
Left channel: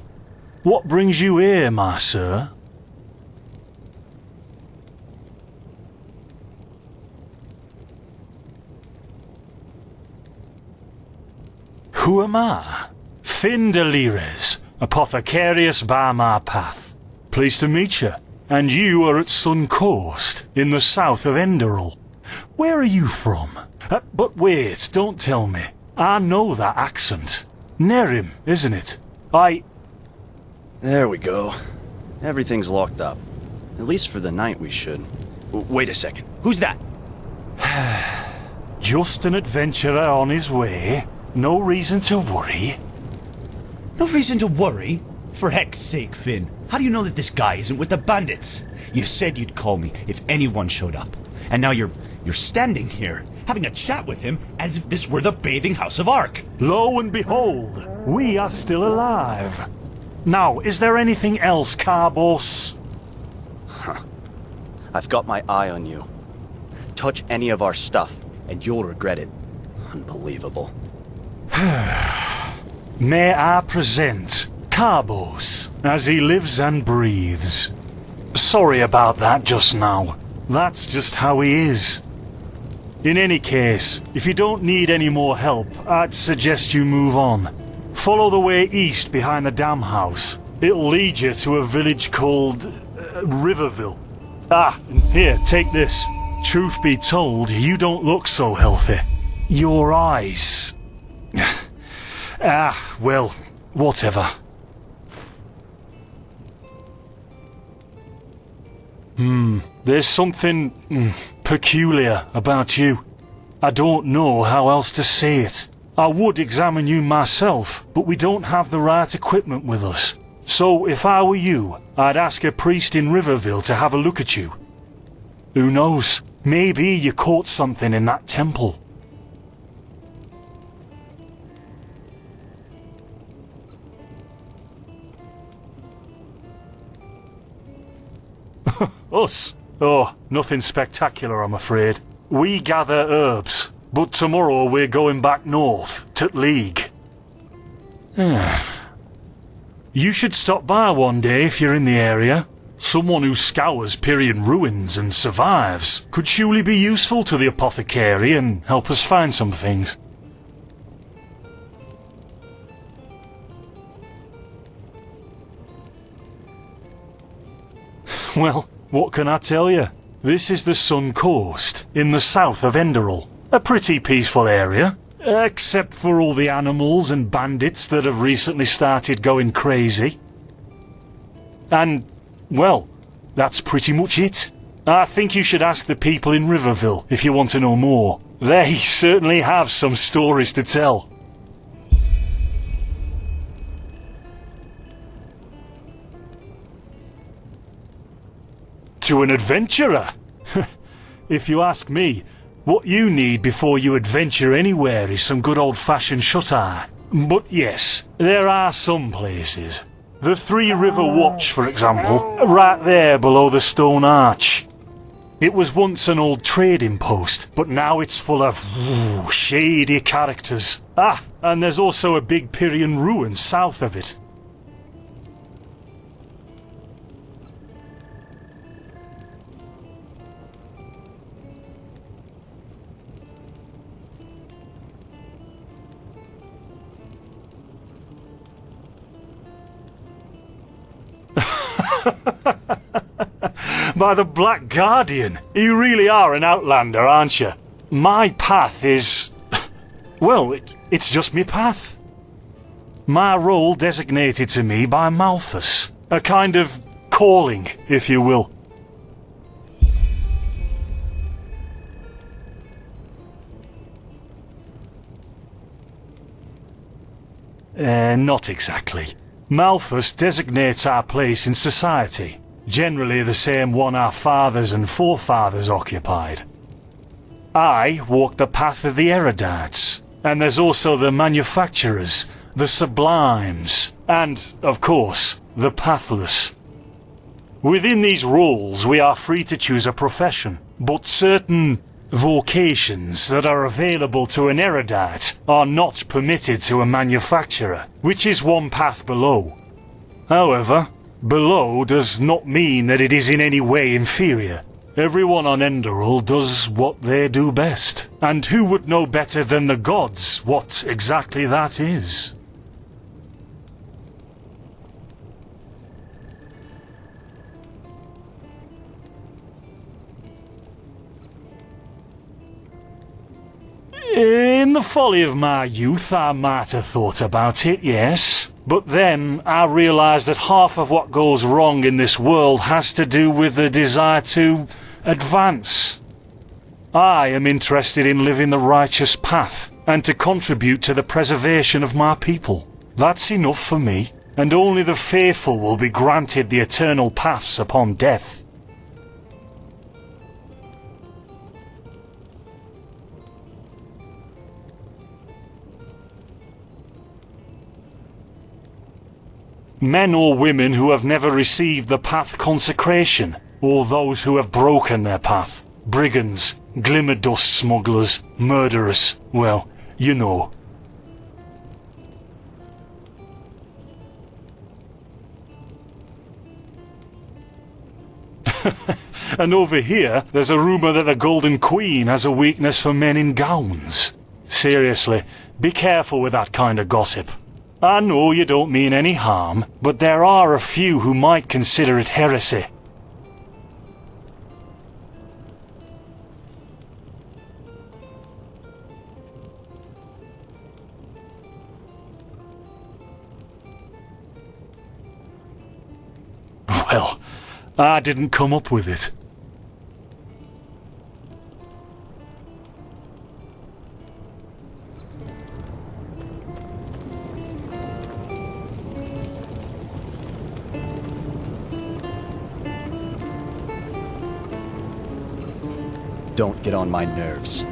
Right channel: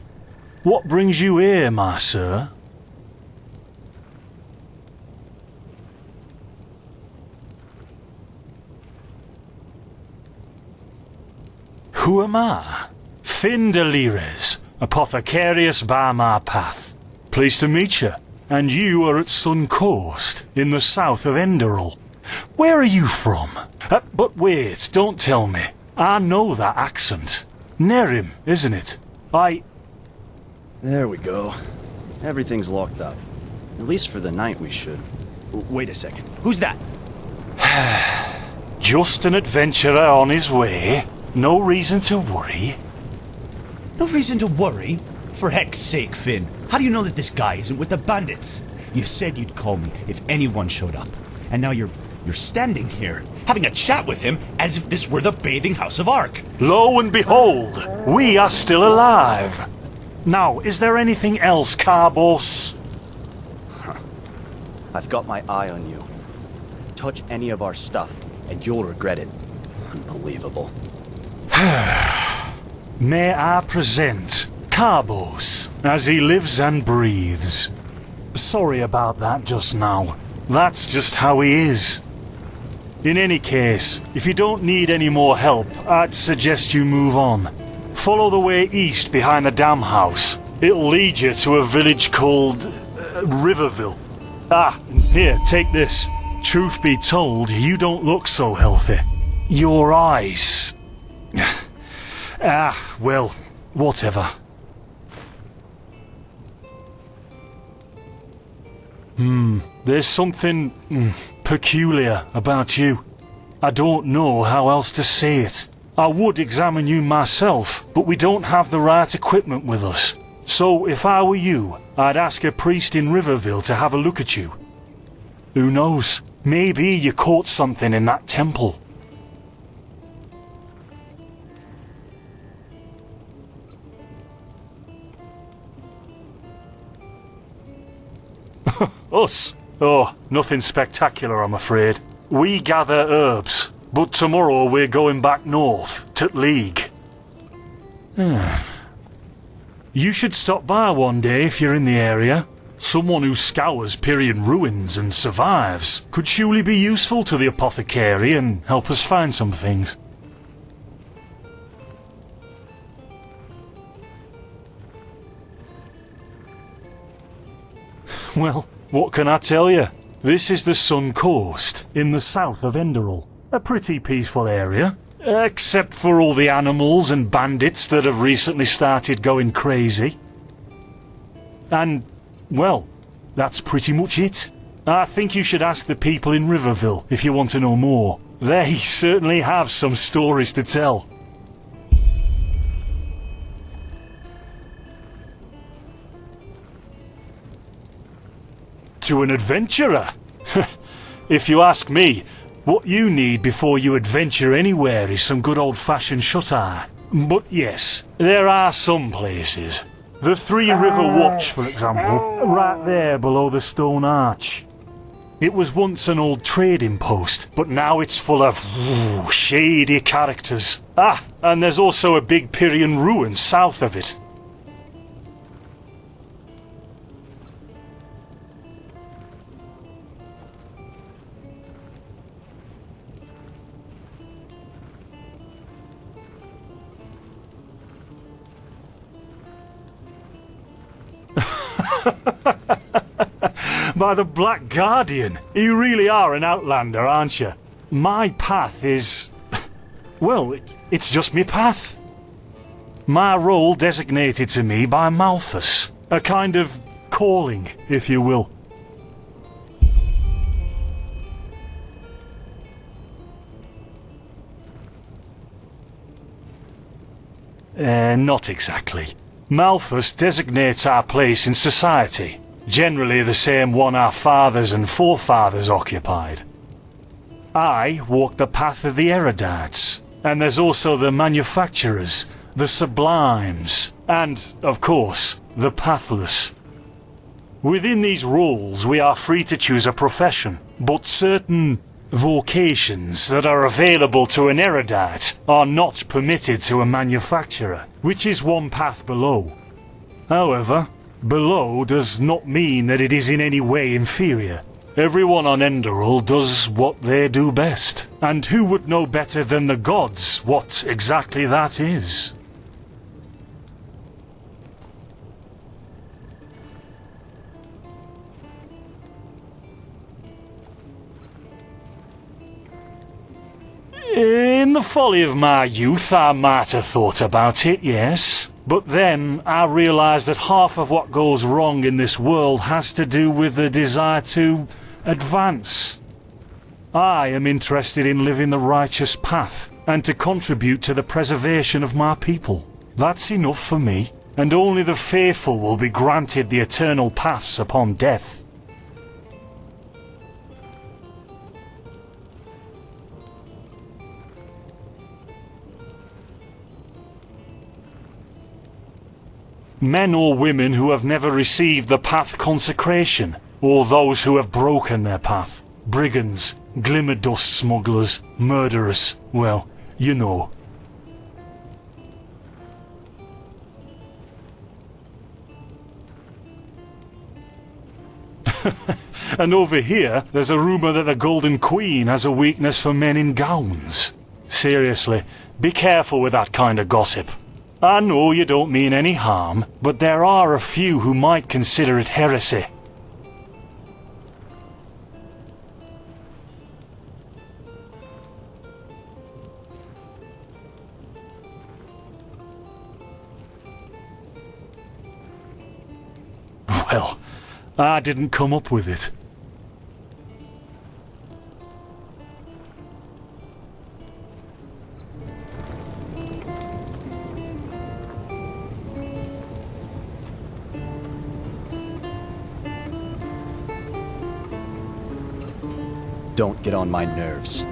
What brings you here, my sir? Who am I? Finn Delires, apothecarius by my path. Pleased to meet you. And you are at Sun Coast, in the south of Enderal. Where are you from? But wait, don't tell me. I know that accent. Nerim, isn't it? There we go. Everything's locked up. At least for the night we should. Wait a second. Who's that? Just an adventurer on his way. No reason to worry. No reason to worry? For heck's sake, Finn. How do you know that this guy isn't with the bandits? You said you'd call me if anyone showed up. And now you're standing here, having a chat with him as if this were the bathing house of Ark. Lo and behold, we are still alive. Now, is there anything else, Carbos? I've got my eye on you. Touch any of our stuff, and you'll regret it. Unbelievable. May I present Carbos, as he lives and breathes. Sorry about that just now. That's just how he is. In any case, if you don't need any more help, I'd suggest you move on. Follow the way east behind the dam house. It'll lead you to a village called Riverville. Here, take this. Truth be told, you don't look so healthy. Your eyes... well, whatever. There's something peculiar about you. I don't know how else to say it. I would examine you myself, but we don't have the right equipment with us. So if I were you, I'd ask a priest in Riverville to have a look at you. Who knows? Maybe you caught something in that temple. Us? Oh, nothing spectacular, I'm afraid. We gather herbs, but tomorrow we're going back north, to League. You should stop by one day if you're in the area. Someone who scours Pyrian ruins and survives could surely be useful to the apothecary and help us find some things. Well, what can I tell you? This is the Sun Coast, in the south of Enderal. A pretty peaceful area, except for all the animals and bandits that have recently started going crazy. And, well, that's pretty much it. I think you should ask the people in Riverville if you want to know more. They certainly have some stories to tell. To an adventurer? If you ask me, what you need before you adventure anywhere is some good old-fashioned shut-eye. But yes, there are some places. The Three River Watch, for example, right there below the stone arch. It was once an old trading post, but now it's full of shady characters. And there's also a big Pyrian ruin south of it. By the Black Guardian, you really are an outlander, aren't you? My path is... well, it's just me path. My role designated to me by Malthus. A kind of calling, if you will. Not exactly. Malthus designates our place in society, generally the same one our fathers and forefathers occupied. I walk the path of the erudites, and there's also the manufacturers, the sublimes, and, of course, the pathless. Within these roles we are free to choose a profession, but certain Vocations that are available to an erudite are not permitted to a manufacturer, which is one path below. However, below does not mean that it is in any way inferior. Everyone on Enderal does what they do best, and who would know better than the gods what exactly that is? In the folly of my youth, I might have thought about it, yes. But then I realised that half of what goes wrong in this world has to do with the desire to advance. I am interested in living the righteous path, and to contribute to the preservation of my people. That's enough for me, and only the faithful will be granted the eternal paths upon death. Men or women who have never received the path consecration, or those who have broken their path. Brigands, glimmer dust smugglers, murderers, well, you know. And over here, there's a rumour that the Golden Queen has a weakness for men in gowns. Seriously, be careful with that kind of gossip. I know you don't mean any harm, but there are a few who might consider it heresy. Well, I didn't come up with it. Don't get on my nerves.